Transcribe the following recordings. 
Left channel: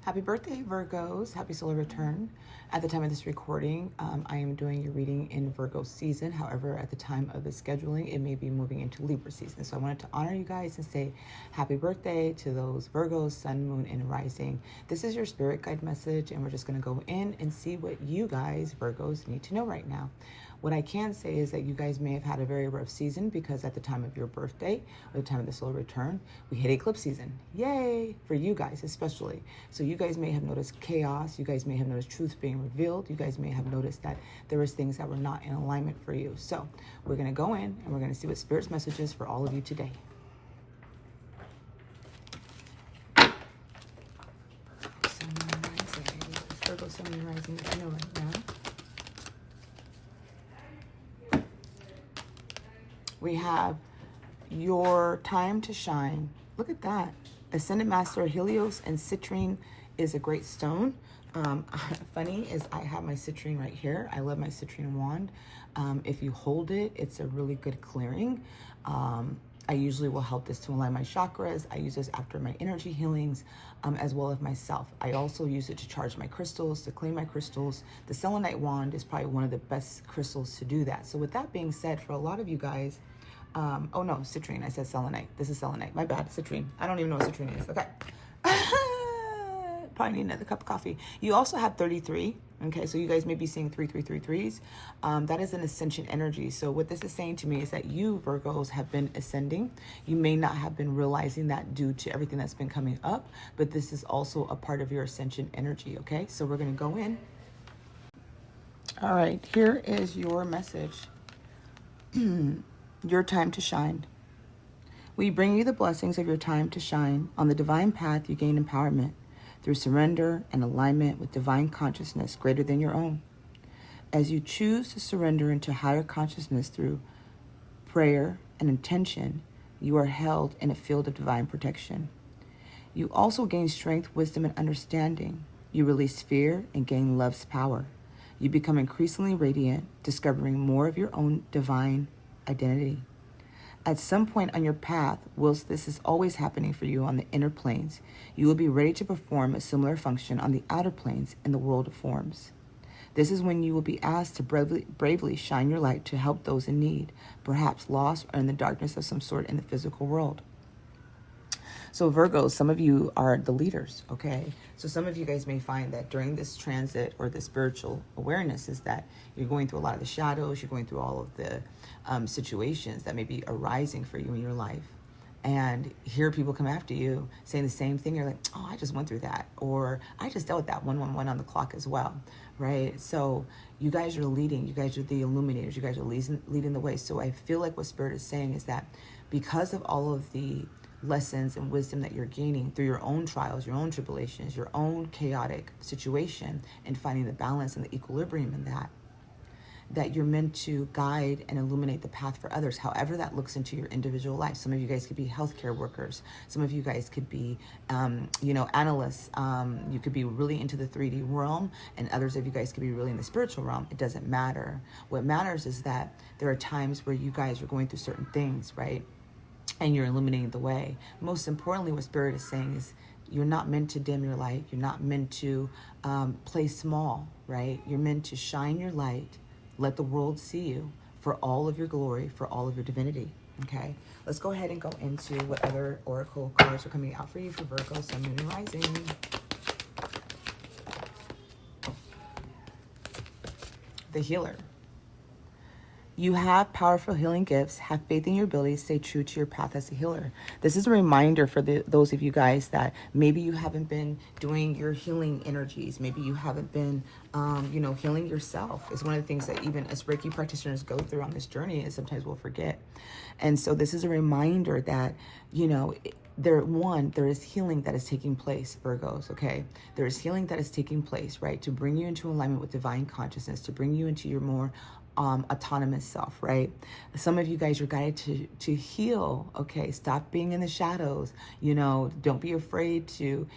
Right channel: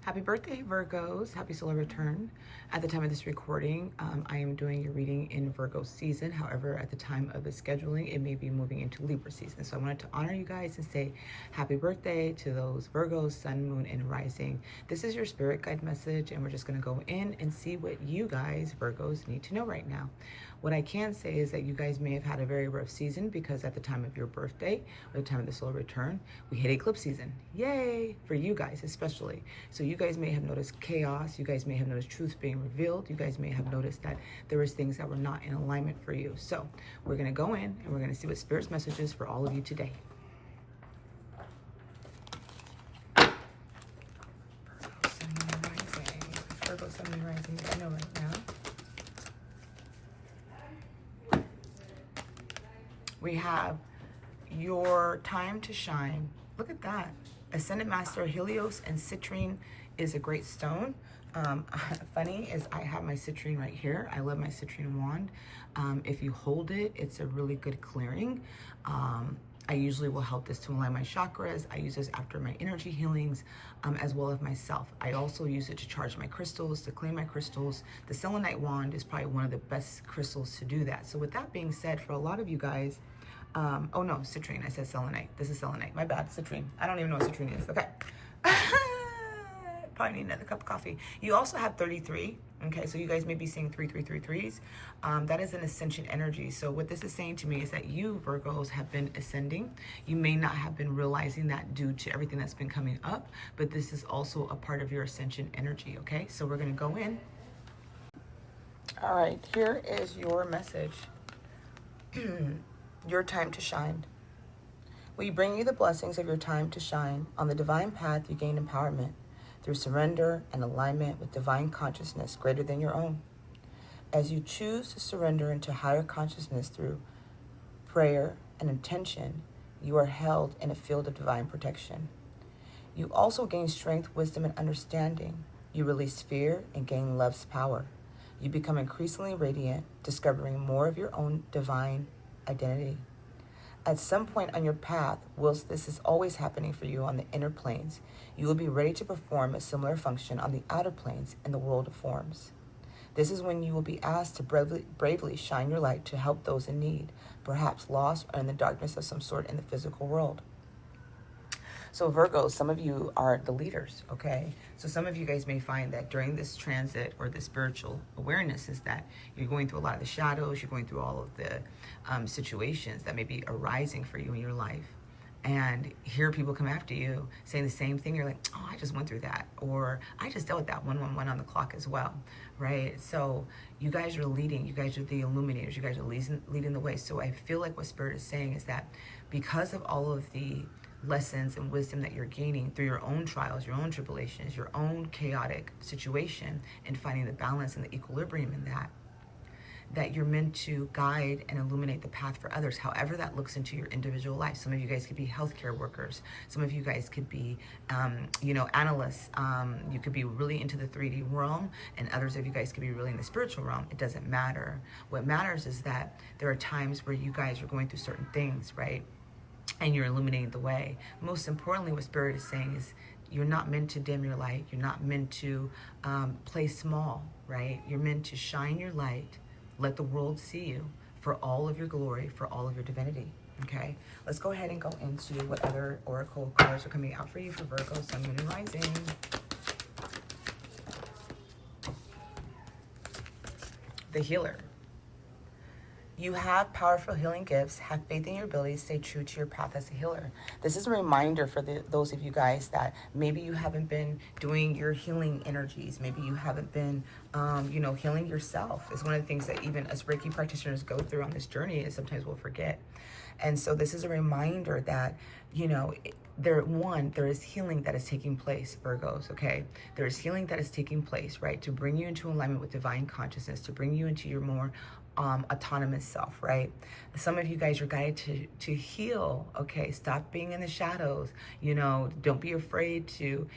Happy birthday, Virgos. Happy solar return. At the time of this recording, I am doing your reading in Virgo season. However, at the time of the scheduling, it may be moving into Libra season. So I wanted to honor you guys and say happy birthday to those Virgos, sun, moon, and rising. This is your spirit guide message, and we're just going to go in and see what you guys, Virgos, need to know right now. What I can say is that you guys may have had a very rough season because at the time of your birthday, or the time of the solar return, we hit eclipse season. Yay! For you guys especially. So you guys may have noticed chaos. You guys may have noticed truth being revealed. You guys may have noticed that there was things that were not in alignment for you. So we're going to go in and we're going to see what Spirit's message is for all of you today. Virgo, Sun, Moon, Rising, I know right now. We have your time to shine. Look at that. Ascended Master Helios and citrine is a great stone. Funny is I have my citrine right here. I love my citrine wand. If you hold it, it's a really good clearing. I usually will help this to align my chakras. I use this after my energy healings, as well as myself. I also use it to charge my crystals, to clean my crystals. The selenite wand is probably one of the best crystals to do that. So with that being said, for a lot of you guys, oh no, citrine, I said selenite. This is selenite, my bad, citrine. I don't even know what citrine is, okay. Probably need another cup of coffee. You also have 33, okay, so you guys may be seeing 3333s. That is an ascension energy. So what this is saying to me is that you, Virgos, have been ascending. You may not have been realizing that due to everything that's been coming up, but this is also a part of your ascension energy, okay? So we're gonna go in. All right, here is your message. Your time to shine. We bring you the blessings of your time to shine. On the divine path, you gain empowerment through surrender and alignment with divine consciousness greater than your own. As you choose to surrender into higher consciousness through prayer and intention, you are held in a field of divine protection. You also gain strength, wisdom, and understanding. You release fear and gain love's power. You become increasingly radiant, discovering more of your own divine identity. At some point on your path, whilst this is always happening for you on the inner planes, you will be ready to perform a similar function on the outer planes in the world of forms. This is when you will be asked to bravely shine your light to help those in need, perhaps lost or in the darkness of some sort in the physical world. So Virgos, some of you are the leaders, okay? So some of you guys may find that during this transit or the spiritual awareness is that you're going through a lot of the shadows, you're going through all of the situations that may be arising for you in your life. And here people come after you saying the same thing. You're like, oh, I just went through that. Or I just dealt with that 111 on the clock as well, right? So you guys are leading. You guys are the illuminators. You guys are leading the way. So I feel like what Spirit is saying is that because of all of the lessons and wisdom that you're gaining through your own trials, your own tribulations, your own chaotic situation, and finding the balance and the equilibrium in that you're meant to guide and illuminate the path for others, however that looks into your individual life. Some of you guys could be healthcare workers. Some of you guys could be, analysts. You could be really into the 3D realm, and others of you guys could be really in the spiritual realm. It doesn't matter. What matters is that there are times where you guys are going through certain things, right? And you're illuminating the way. Most importantly, what Spirit is saying is you're not meant to dim your light. You're not meant to play small, right? You're meant to shine your light, let the world see you for all of your glory, for all of your divinity, okay? Let's go ahead and go into what other oracle cards are coming out for you for Virgo, Sun, Moon, and Rising. The Healer. You have powerful healing gifts. Have faith in your abilities. Stay true to your path as a healer. This is a reminder for those of you guys that maybe you haven't been doing your healing energies. Maybe you haven't been, healing yourself. It's one of the things that even as Reiki practitioners go through on this journey is sometimes we'll forget. And so this is a reminder that, there is healing that is taking place, Virgos, okay? There is healing that is taking place, right? To bring you into alignment with divine consciousness, to bring you into your more autonomous self, right? Some of you guys are guided to heal, okay? Stop being in the shadows, you know, don't be afraid to,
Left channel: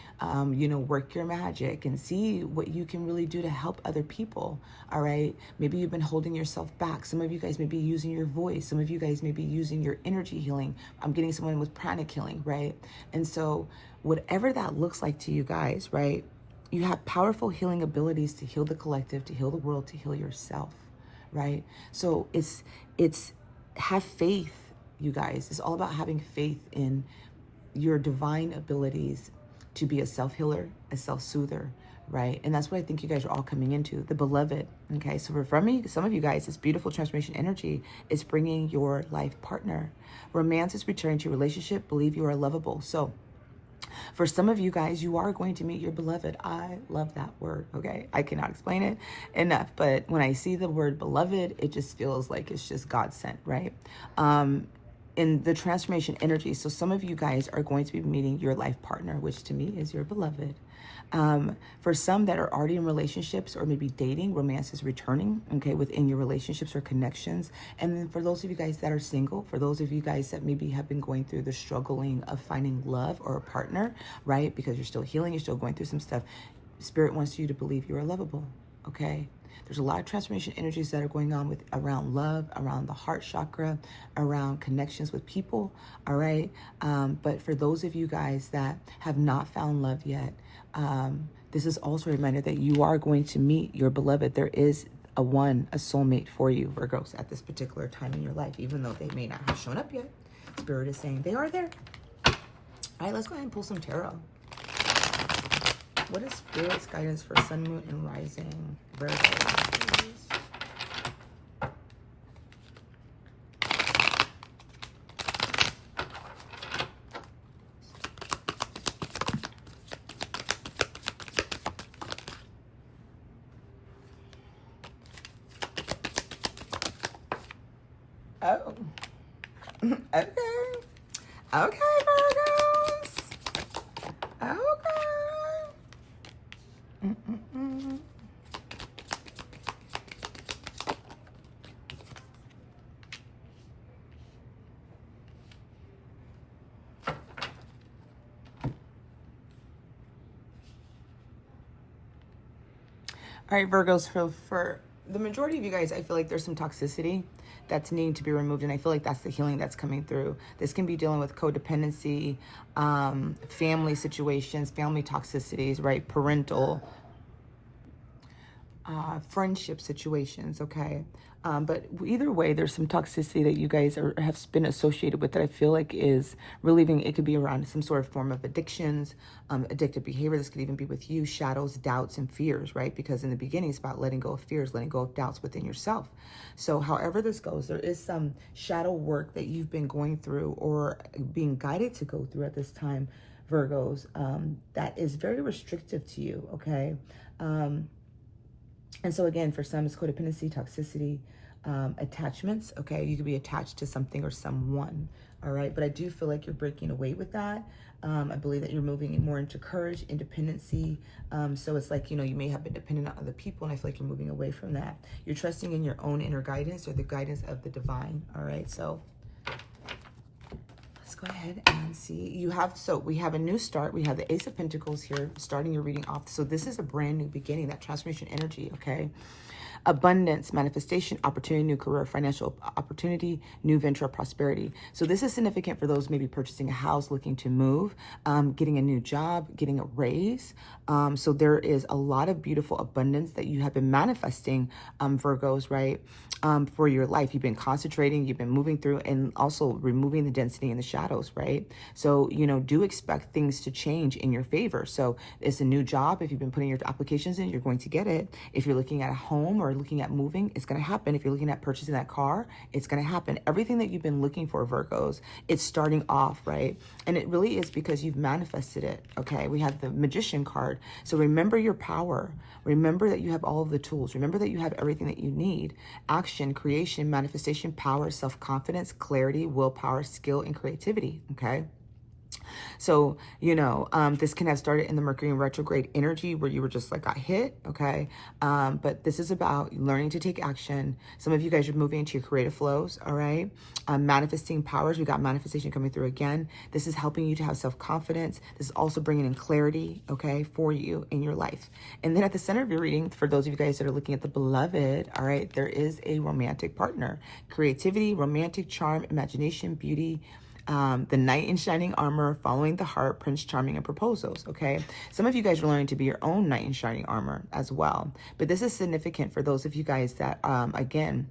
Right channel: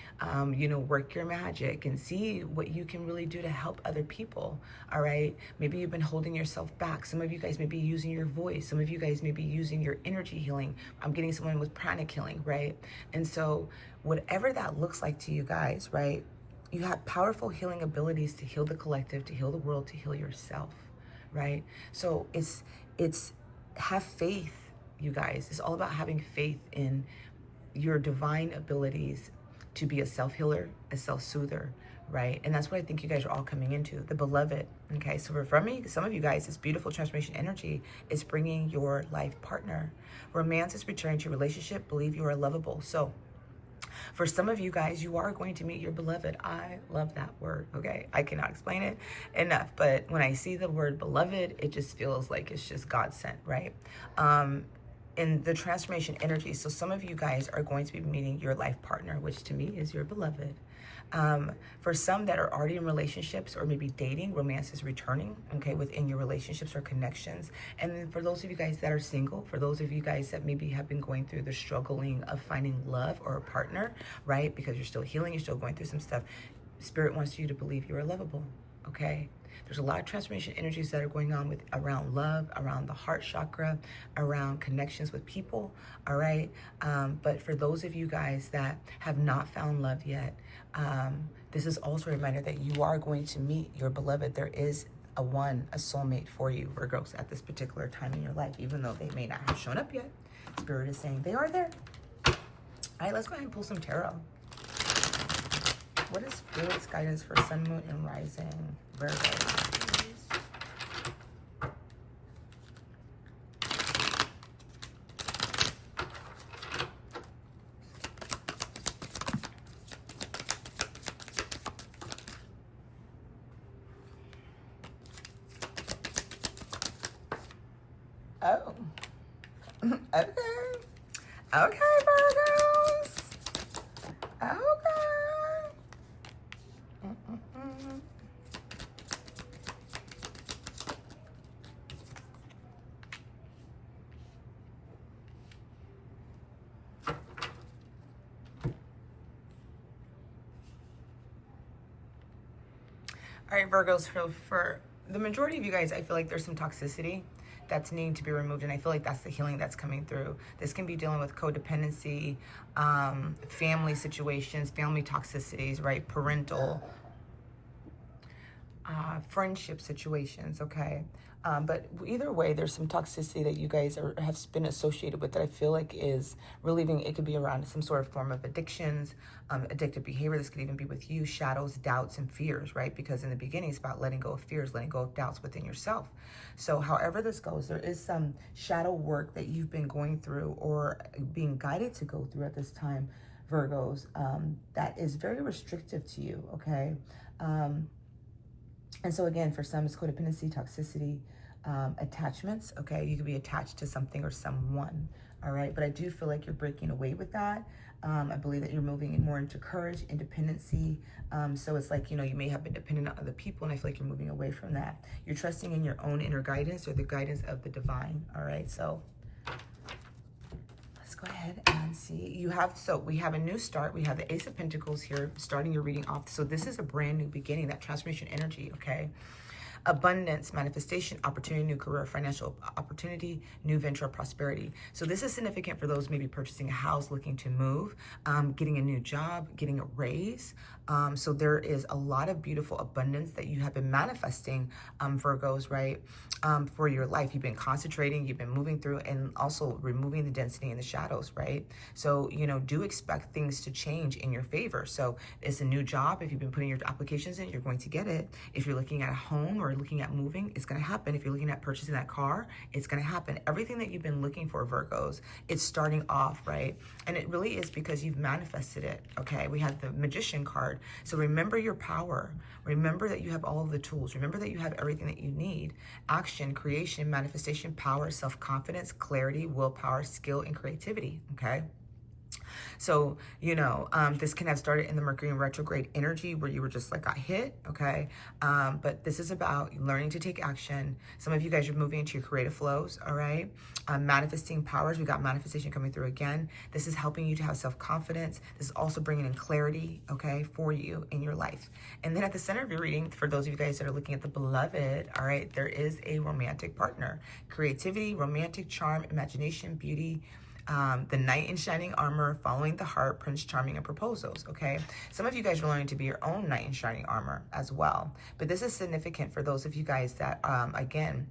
you know, work your magic and see what you can really do to help other people, all right? Maybe you've been holding yourself back. Some of you guys may be using your voice. Some of you guys may be using your energy healing. I'm getting someone with pranic healing, right? And so whatever that looks like to you guys, right? You have powerful healing abilities to heal the collective, to heal the world, to heal yourself, right? So it's have faith, you guys. It's all about having faith in your divine abilities to be a self-healer, a self-soother, right? And that's what I think you guys are all coming into, the beloved, okay? So for me, some of you guys, this beautiful transformation energy is bringing your life partner. Romance is returning to your relationship. Believe you are lovable. So for some of you guys, you are going to meet your beloved. I love that word, okay? I cannot explain it enough, but when I see the word beloved, it just feels like it's just God sent, right? In the transformation energy, so some of you guys are going to be meeting your life partner, which to me is your beloved. For some that are already in relationships or maybe dating, romance is returning, okay, within your relationships or connections. And then for those of you guys that are single, for those of you guys that maybe have been going through the struggling of finding love or a partner, right, because you're still healing, you're still going through some stuff, Spirit wants you to believe you are lovable, okay? There's a lot of transformation energies that are going on with around love, around the heart chakra, around connections with people, all right? But for those of you guys that have not found love yet, this is also a reminder that you are going to meet your beloved. There is a soulmate for you, Virgos, at this particular time in your life, even though they may not have shown up yet. Spirit is saying they are there. All right, let's go ahead and pull some tarot. What is Spirit's guidance for Sun, Moon, and Rising Virgo? Oh. Okay. Okay, Virgos. Okay. All right, Virgos, for the majority of you guys, I feel like there's some toxicity that's needing to be removed, and I feel like that's the healing that's coming through. This can be dealing with codependency, family situations, family toxicities, right? Parental, friendship situations, okay? But either way, there's some toxicity that you guys have been associated with that I feel like is relieving. It could be around some sort of form of addictions, addictive behavior. This could even be with you, shadows, doubts, and fears, right? Because in the beginning, it's about letting go of fears, letting go of doubts within yourself. So however this goes, there is some shadow work that you've been going through or being guided to go through at this time, Virgos, that is very restrictive to you, okay? And so again, for some, it's codependency, toxicity, attachments, okay? You could be attached to something or someone, all right? But I do feel like you're breaking away with that. I believe that you're moving more into courage, independency. So it's like, you know, you may have been dependent on other people, and I feel like you're moving away from that. You're trusting in your own inner guidance or the guidance of the divine, all right? So let's go ahead and see. We have a new start. We have the Ace of Pentacles here, starting your reading off. So this is a brand new beginning, that transformation energy, okay? Abundance, manifestation, opportunity, new career, financial opportunity, new venture, prosperity. So this is significant for those maybe purchasing a house, looking to move, getting a new job, getting a raise. So there is a lot of beautiful abundance that you have been manifesting, Virgos, right? For your life. You've been concentrating, you've been moving through, and also removing the density and the shadows, right? So, you know, do expect things to change in your favor. So it's a new job. If you've been putting your applications in, you're going to get it. If you're looking at a home or looking at moving, it's going to happen. If you're looking at purchasing that car, it's going to happen. Everything that you've been looking for, Virgos, it's starting off, right? And it really is because you've manifested it, okay? We have the Magician card. So remember your power. Remember that you have all of the tools. Remember that you have everything that you need. Action, creation, manifestation, power, self-confidence, clarity, willpower, skill, and creativity, okay? So, this can have started in the Mercury in retrograde energy where you were just like got hit, okay? But this is about learning to take action. Some of you guys are moving into your creative flows, all right? Manifesting powers, we got manifestation coming through again. This is helping you to have self-confidence. This is also bringing in clarity, okay, for you in your life. And then at the center of your reading, for those of you guys that are looking at the beloved, all right, there is a romantic partner. Creativity, romantic charm, imagination, beauty, the knight in shining armor, following the heart, Prince Charming, and proposals, okay? Some of you guys are learning to be your own knight in shining armor as well. But this is significant for those of you guys that, again,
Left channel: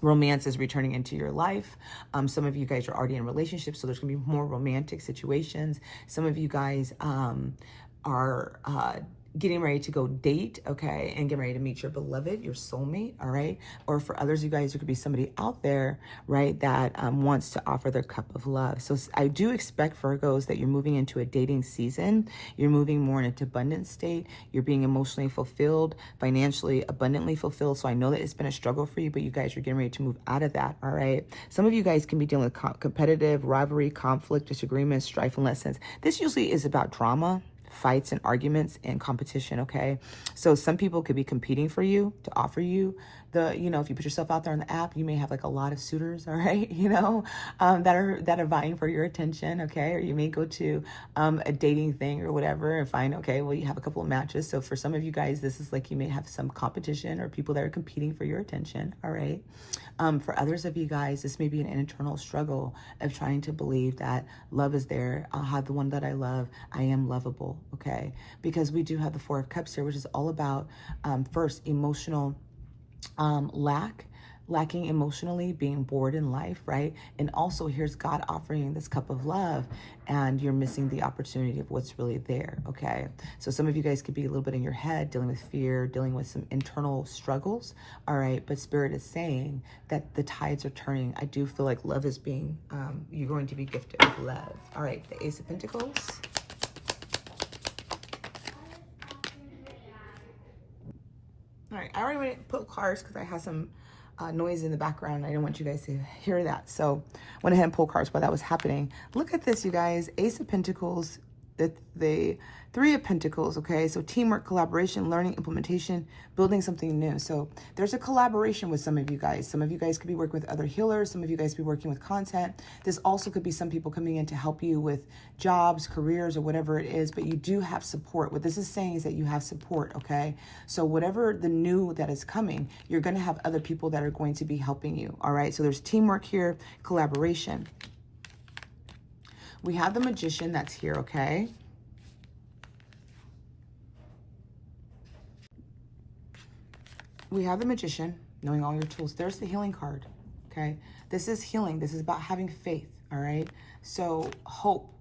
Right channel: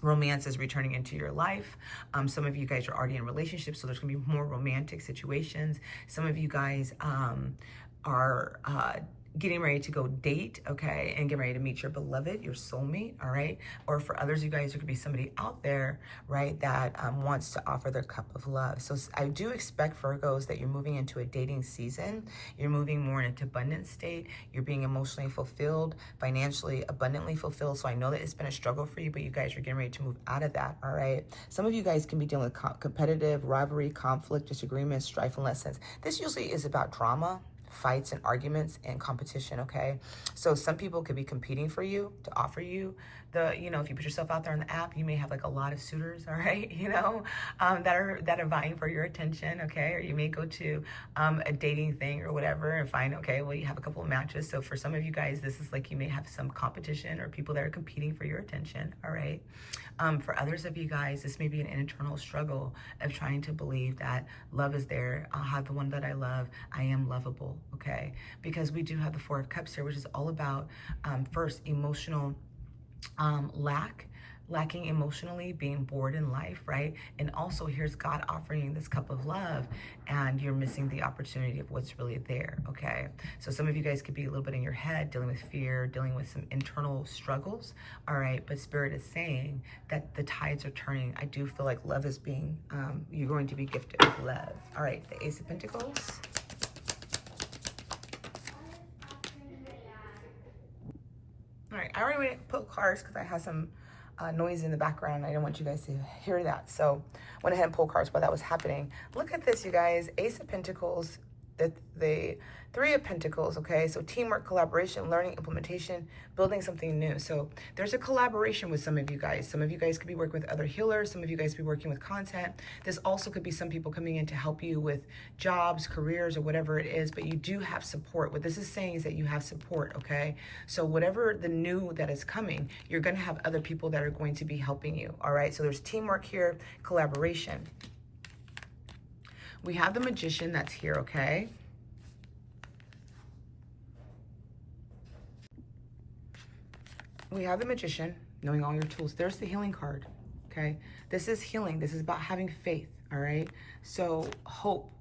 romance is returning into your life. Some of you guys are already in relationships, so there's gonna be more romantic situations. Some of you guys are getting ready to go date, okay, and getting ready to meet your beloved, your soulmate, all right? Or for others, you guys, there could be somebody out there, right, that wants to offer their cup of love. So I do expect, Virgos, that you're moving into a dating season. You're moving more into abundant state. You're being emotionally fulfilled, financially abundantly fulfilled. So I know that it's been a struggle for you, but you guys are getting ready to move out of that, all right? Some of you guys can be dealing with competitive rivalry, conflict, disagreements, strife, and lessons. This usually is about drama, fights and arguments and competition, okay? So some people could be competing for you to offer you if you put yourself out there on the app, you may have like a lot of suitors, all right, that are vying for your attention, okay? Or you may go to a dating thing or whatever and find, okay, well, you have a couple of matches. So for some of you guys, this is like you may have some competition or people that are competing for your attention, all right? For others of you guys, this may be an internal struggle of trying to believe that love is there. I'll have the one that I love. I am lovable, okay? Because we do have the Four of Cups here, which is all about, first, emotional lacking emotionally, being bored in life, right? And also here's God offering this cup of love and you're missing the opportunity of what's really there, okay? So some of you guys could be a little bit in your head, dealing with fear, dealing with some internal struggles, all right? But Spirit is saying that the tides are turning. I do feel like love is being, you're going to be gifted with love. All right, the Ace of Pentacles. All right, I already put cards because I had some noise in the background. I didn't want you guys to hear that. So went ahead and pulled cards while that was happening. Look at this, you guys. Ace of Pentacles, the Three of Pentacles, okay? So teamwork, collaboration, learning, implementation, building something new. So there's a collaboration with some of you guys. Some of you guys could be working with other healers. Some of you guys could be working with content. This also could be some people coming in to help you with jobs, careers, or whatever it is, but you do have support. What this is saying is that you have support, okay? So whatever the new that is coming, you're gonna have other people that are going to be helping you, all right? So there's teamwork here, collaboration. We have the Magician that's here, okay? We have the Magician, knowing all your tools. There's the healing card, okay? This is healing. This is about having faith, all right? So hope,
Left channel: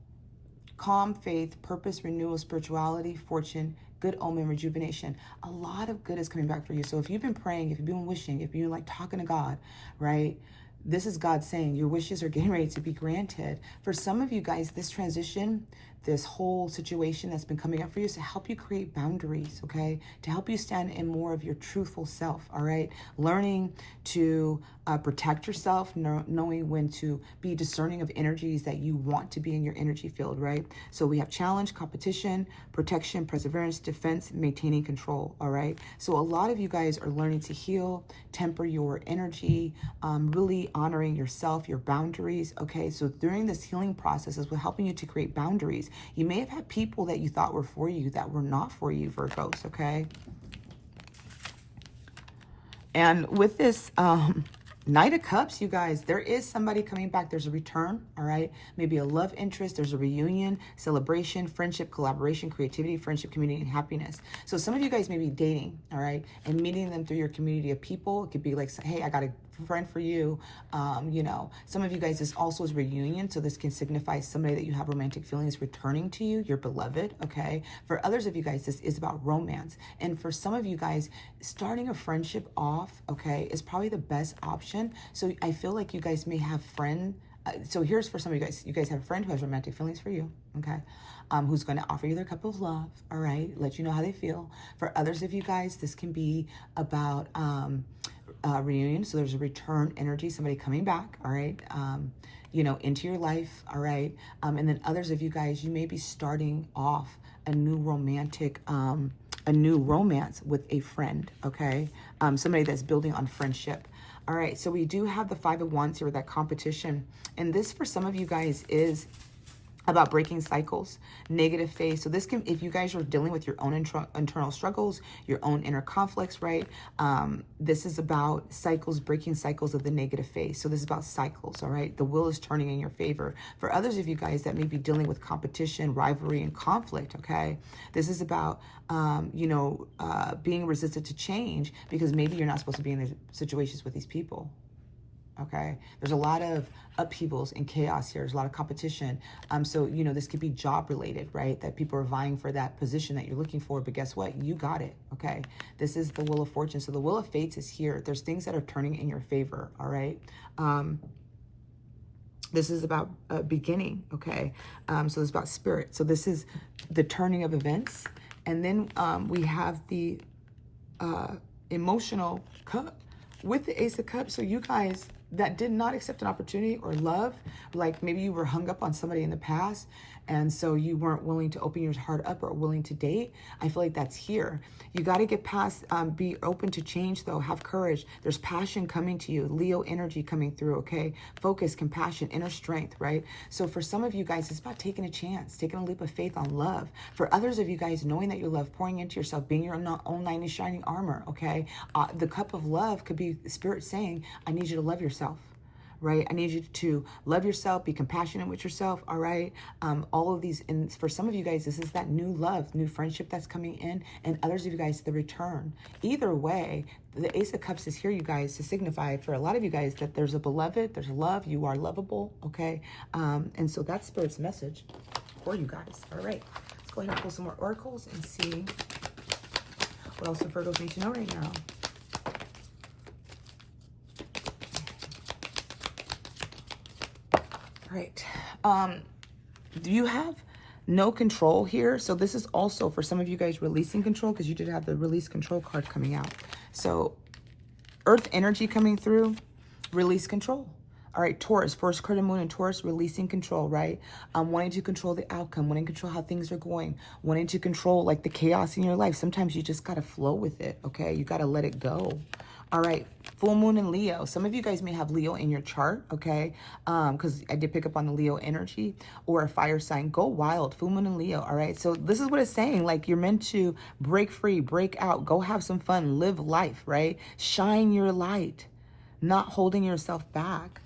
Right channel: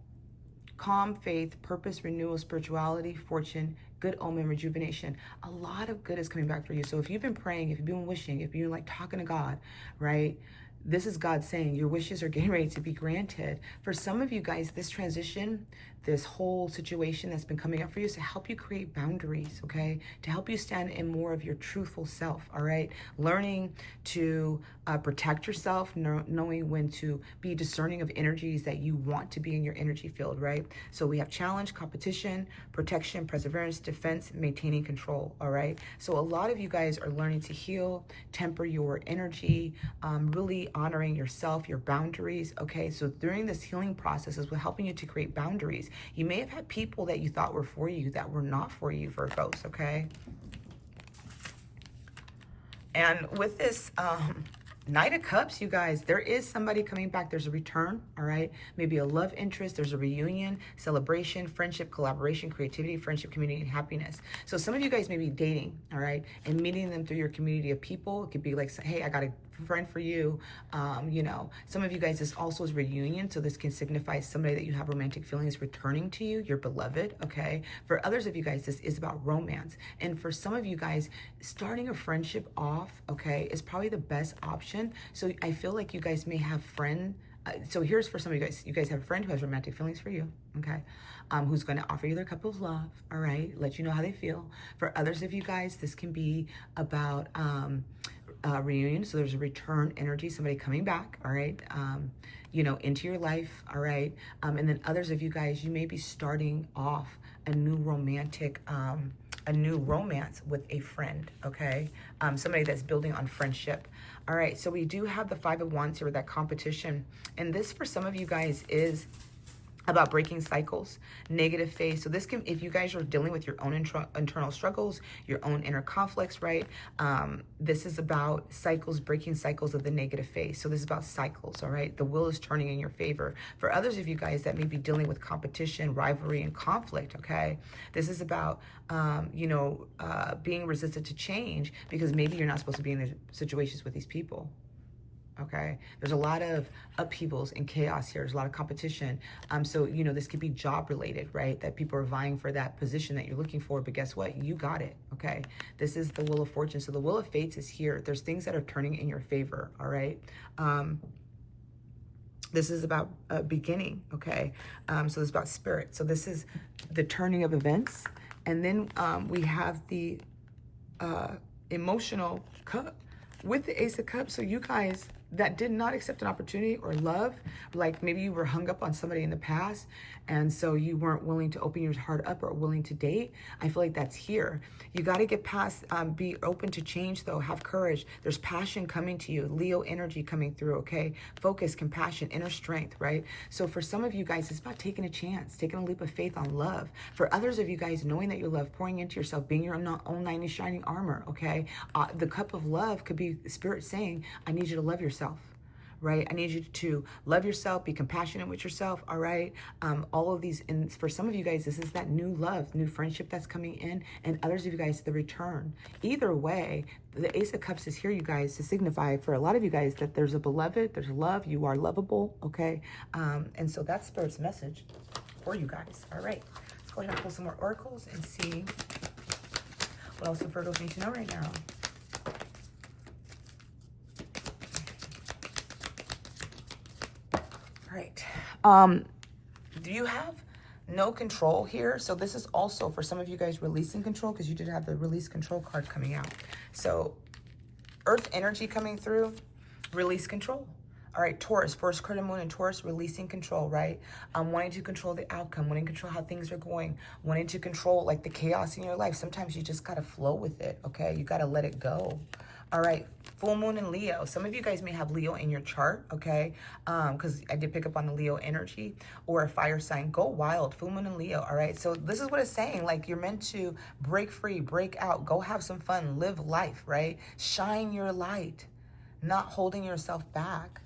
calm, faith, purpose, renewal, spirituality, fortune, good omen, rejuvenation. A lot of good is coming back for you. So if you've been praying, if you've been wishing, if you're like talking to God, right? This is God saying your wishes are getting ready to be granted. For some of you guys, this transition, this whole situation that's been coming up for you is to help you create boundaries, okay? To help you stand in more of your truthful self, all right? Learning to protect yourself, knowing when to be discerning of energies that you want to be in your energy field, right? So we have challenge, competition, protection, perseverance, defense, maintaining control, all right? So a lot of you guys are learning to heal, temper your energy, really honoring yourself, your boundaries, okay? So during this healing process is helping you to create boundaries. You may have had people that you thought were for you that were not for you, Virgos, okay? And with this Knight of Cups, you guys, there is somebody coming back. There's a return, all right? Maybe a love interest. There's a reunion, celebration, friendship, collaboration, creativity, friendship, community, and happiness. So some of you guys may be dating, all right? And meeting them through your community of people. It could be like, hey, I got a friend for you. Some of you guys, this also is reunion. So this can signify somebody that you have romantic feelings returning to you, your beloved, okay? For others of you guys, this is about romance. And for some of you guys, starting a friendship off, okay, is probably the best option. So I feel like you guys may have so here's for some of you guys. You guys have a friend who has romantic feelings for you, okay? Who's going to offer you their cup of love, all right? Let you know how they feel. For others of you guys, this can be about reunion. So there's a return energy, somebody coming back, all right, you know, into your life, all right. And then others of you guys, you may be starting off a new romantic, a new romance with a friend, okay? Somebody that's building on friendship. All right, so we do have the Five of Wands here with that competition. And this, for some of you guys, is about breaking cycles, negative phase. So this can, if you guys are dealing with your own internal struggles, your own inner conflicts, right? This is about cycles, breaking cycles of the negative phase. So this is about cycles, all right? The wheel is turning in your favor. For others of you guys that may be dealing with competition, rivalry, and conflict, okay? This is about, you know, being resistant to change because maybe you're not supposed to be in these situations with these people. Okay, there's a lot of upheavals and chaos here. There's a lot of competition. So, you know, this could be job related, right? That people are vying for that position that you're looking for, but guess what? You got it, okay? This is the Wheel of Fortune. So the Wheel of Fates is here. There's things that are turning in your favor, all right? This is about beginning, okay? So it's about spirit. So this is the turning of events. And then we have the emotional cup with the Ace of Cups. So you guys that did not accept an opportunity or love, like maybe you were hung up on somebody in the past and so you weren't willing to open your heart up or willing to date, I feel like that's here. You got to get past, be open to change though, have courage. There's passion coming to you, Leo energy coming through, okay? Focus, compassion, inner strength, right? So for some of you guys, it's about taking a chance, taking a leap of faith on love. For others of you guys, knowing that you love, pouring into yourself, being your own knight in shining armor, okay? The cup of love could be Spirit saying, I need you to love yourself. Right? I need you to love yourself, be compassionate with yourself, all right? All of these, and for some of you guys, this is that new love, new friendship that's coming in, and others of you guys, the return. Either way, the Ace of Cups is here, you guys, to signify for a lot of you guys that there's a beloved, there's love, you are lovable, okay? And so that's Spirit's message for you guys, all right? Let's go ahead and pull some more oracles and see what else the Virgos need to know right now. Right. You have no control here. So this is also for some of you guys releasing control because you did have the release control card coming out. So Earth energy coming through, release control. All right, Taurus, first card of Moon in Taurus, releasing control, right? Wanting to control the outcome, wanting to control how things are going, wanting to control like the chaos in your life. Sometimes you just got to flow with it, okay? You got to let it go. All right, full moon in Leo. Some of you guys may have Leo in your chart, okay? Because I did pick up on the Leo energy, or a fire sign. Go wild, full moon in Leo, all right? So this is what it's saying. Like you're meant to break free, break out, go have some fun, live life, right? Shine your light, not holding yourself back.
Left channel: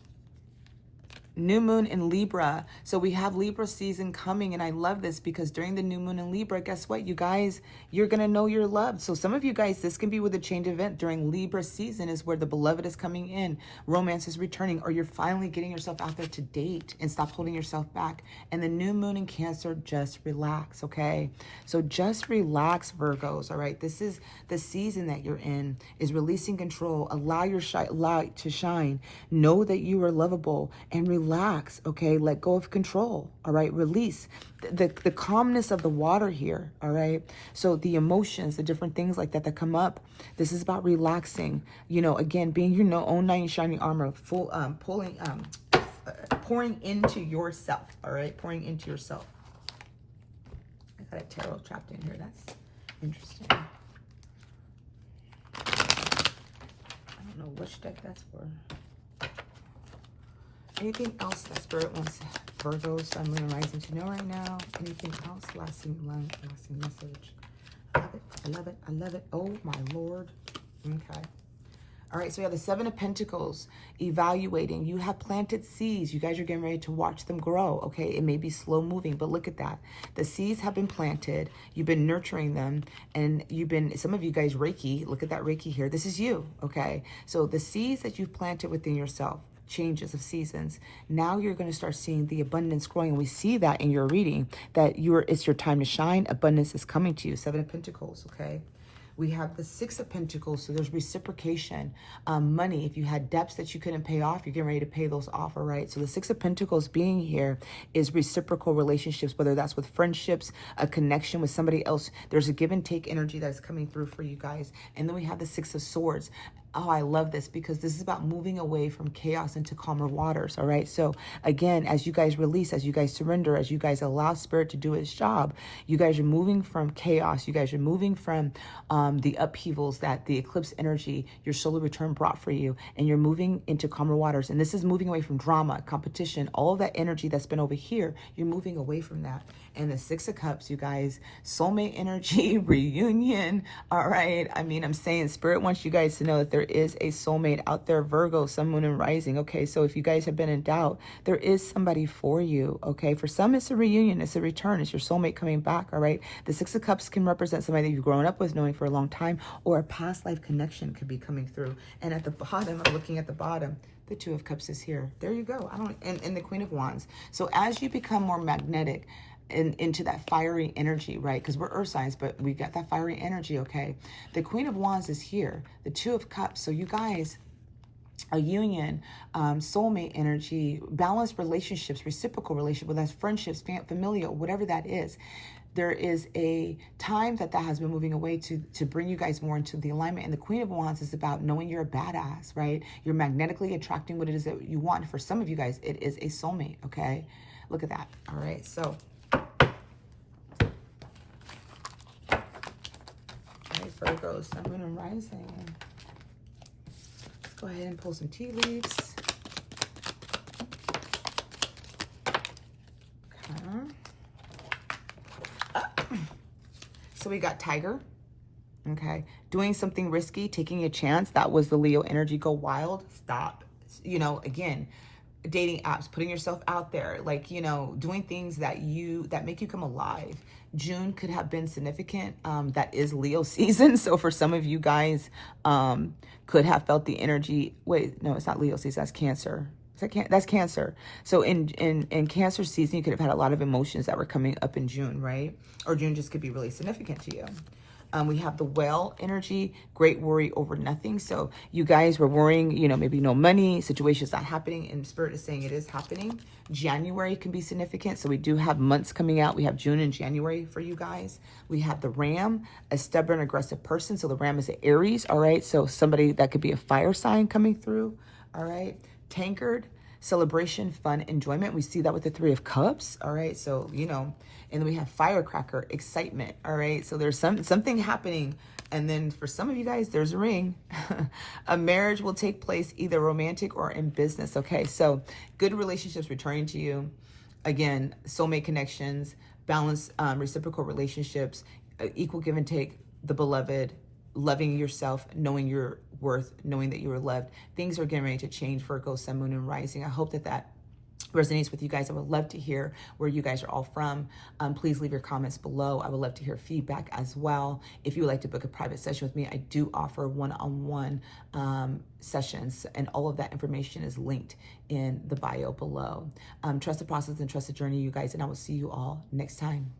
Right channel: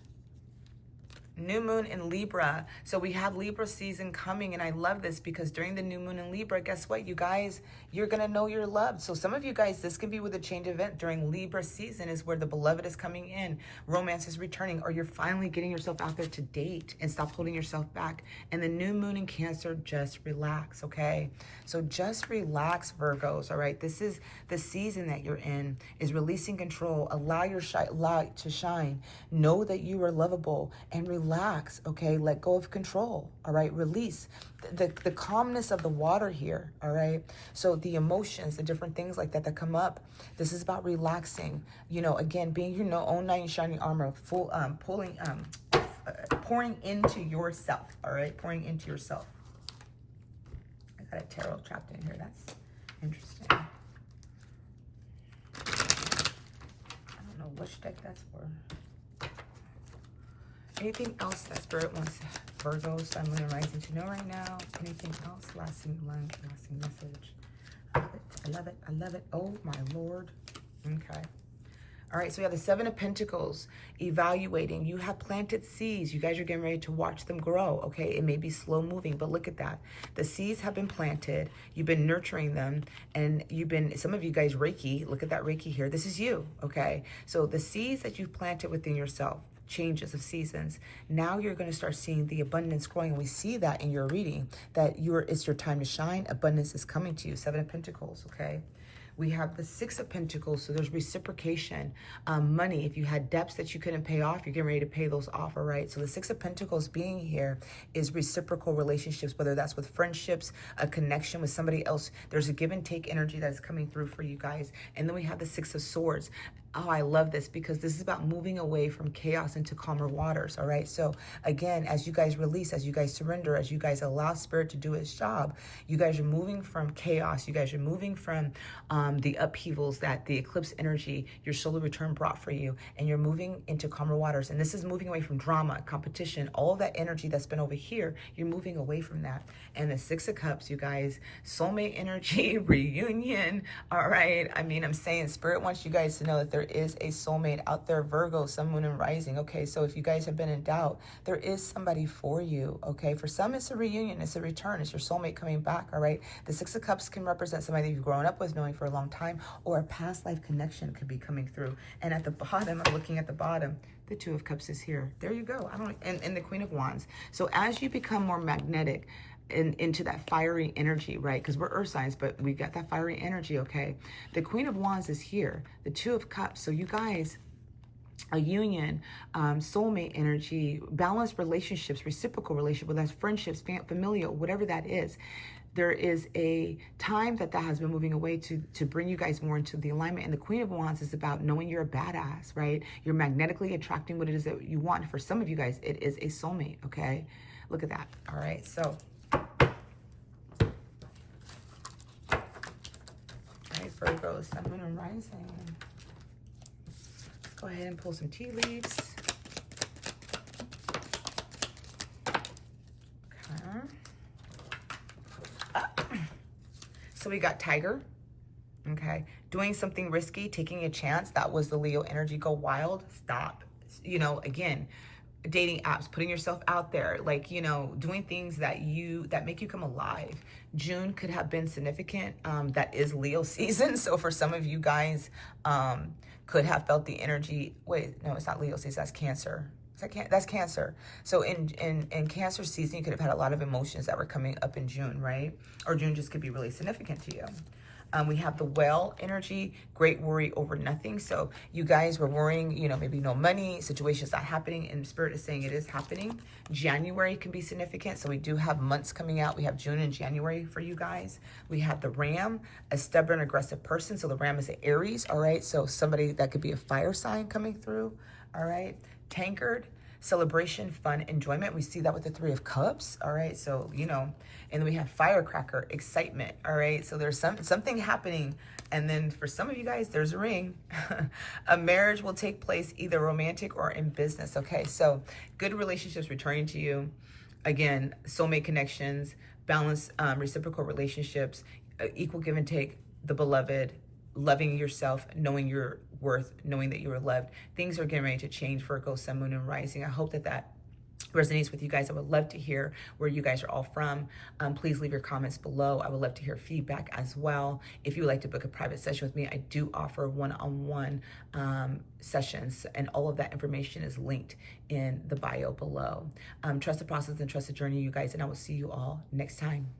New moon in Libra. So we have Libra season coming, and I love this because during the new moon in Libra, guess what, you guys, you're gonna know you're loved. So some of you guys, this can be with a change event during Libra season is where the beloved is coming in, romance is returning, or you're finally getting yourself out there to date and stop holding yourself back. And the new moon in Cancer, just relax, okay? So just relax, Virgos, all right? This is the season that you're in, is releasing control. Allow your light to shine. Know that you are lovable and relax, okay? Let go of control, all right? Release the calmness of the water here, all right? So the emotions, the different things like that that come up, this is about relaxing, you know, again, being your own knight in shining armor, full pouring into yourself, all right? Pouring into yourself. I got a tarot trapped in here. That's interesting. I don't know which deck that's for. Anything else that Spirit wants Virgos, Sun, Moon, and Rising to know right now? Anything else? Lasting message. I love it. I love it. I love it. Oh, my Lord. Okay. All right, so we have the Seven of Pentacles, evaluating. You have planted seeds. You guys are getting ready to watch them grow, okay? It may be slow moving, but look at that. The seeds have been planted. You've been nurturing them, and you've been, some of you guys, Reiki, look at that Reiki here. This is you, okay? So the seeds that you've planted within yourself, changes of seasons, now you're going to start seeing the abundance growing. We see that in your reading, that it's your time to shine. Abundance is coming to you. Seven of Pentacles, okay? We have the Six of Pentacles, so there's reciprocation. Money, if you had debts that you couldn't pay off, you're getting ready to pay those off, all right? So the Six of Pentacles being here is reciprocal relationships, whether that's with friendships, a connection with somebody else. There's a give and take energy that's coming through for you guys. And then we have the Six of Swords. Oh, I love this because this is about moving away from chaos into calmer waters. All right. So again, as you guys release, as you guys surrender, as you guys allow spirit to do its job, you guys are moving from chaos. You guys are moving from the upheavals that the eclipse energy, your solar return brought for you. And you're moving into calmer waters. And this is moving away from drama, competition, all of that energy that's been over here. You're moving away from that. And the Six of Cups, you guys, soulmate energy, reunion. All right. I mean, I'm saying spirit wants you guys to know that there is a soulmate out there, Virgo, sun, moon, and rising. Okay, so if you guys have been in doubt, there is somebody for you. Okay, for some it's a reunion, it's a return, it's your soulmate coming back. All right, the Six of Cups can represent somebody that you've grown up with, knowing for a long time, or a past life connection could be coming through. And at the bottom, I'm looking at the bottom, the Two of Cups is here. There you go. And the Queen of Wands. So as you become more magnetic into that fiery energy, right? Because we're earth signs, but we got that fiery energy, okay? The Queen of Wands is here, the Two of Cups. So you guys, a union, soulmate energy, balanced relationships, reciprocal relationship, whether that's friendships, familial, whatever that is. There is a time that has been moving away to bring you guys more into the alignment. And the Queen of Wands is about knowing you're a badass, right? You're magnetically attracting what it is that you want. And for some of you guys, it is a soulmate, okay? Look at that. All right, so Virgo, sun, moon, and rising. Go ahead and pull some tea leaves. Okay. So we got Tiger. Okay. Doing something risky, taking a chance. That was the Leo energy. Go wild. Stop. You know, again, dating apps, putting yourself out there, like, you know, doing things that make you come alive. June could have been significant. That is Leo season. So for some of you guys, could have felt the energy. Wait, no, it's not Leo season. That's Cancer. That's Cancer. So in Cancer season, you could have had a lot of emotions that were coming up in June, right? Or June just could be really significant to you. We have the Whale energy, great worry over nothing. So you guys were worrying, you know, maybe no money, situation's not happening, and Spirit is saying it is happening. January can be significant. So we do have months coming out. We have June and January for you guys. We have the Ram, a stubborn, aggressive person. So the Ram is an Aries, all right? So somebody that could be a fire sign coming through, all right? Tankard, celebration, fun, enjoyment. We see that with the Three of Cups, all right? So, you know, and then we have firecracker, excitement, all right? So there's something happening. And then for some of you guys, there's a ring. A marriage will take place either romantic or in business, okay? So good relationships returning to you. Again, soulmate connections, balanced reciprocal relationships, equal give and take, the beloved, loving yourself, knowing your worth, knowing that you are loved. Things are getting ready to change for Virgo, sun, moon, and rising. I hope that resonates with you guys. I would love to hear where you guys are all from. Please leave your comments below. I would love to hear feedback as well. If you would like to book a private session with me, I do offer one-on-one sessions, and all of that information is linked in the bio below. Trust the process and trust the journey, you guys, and I will see you all next time.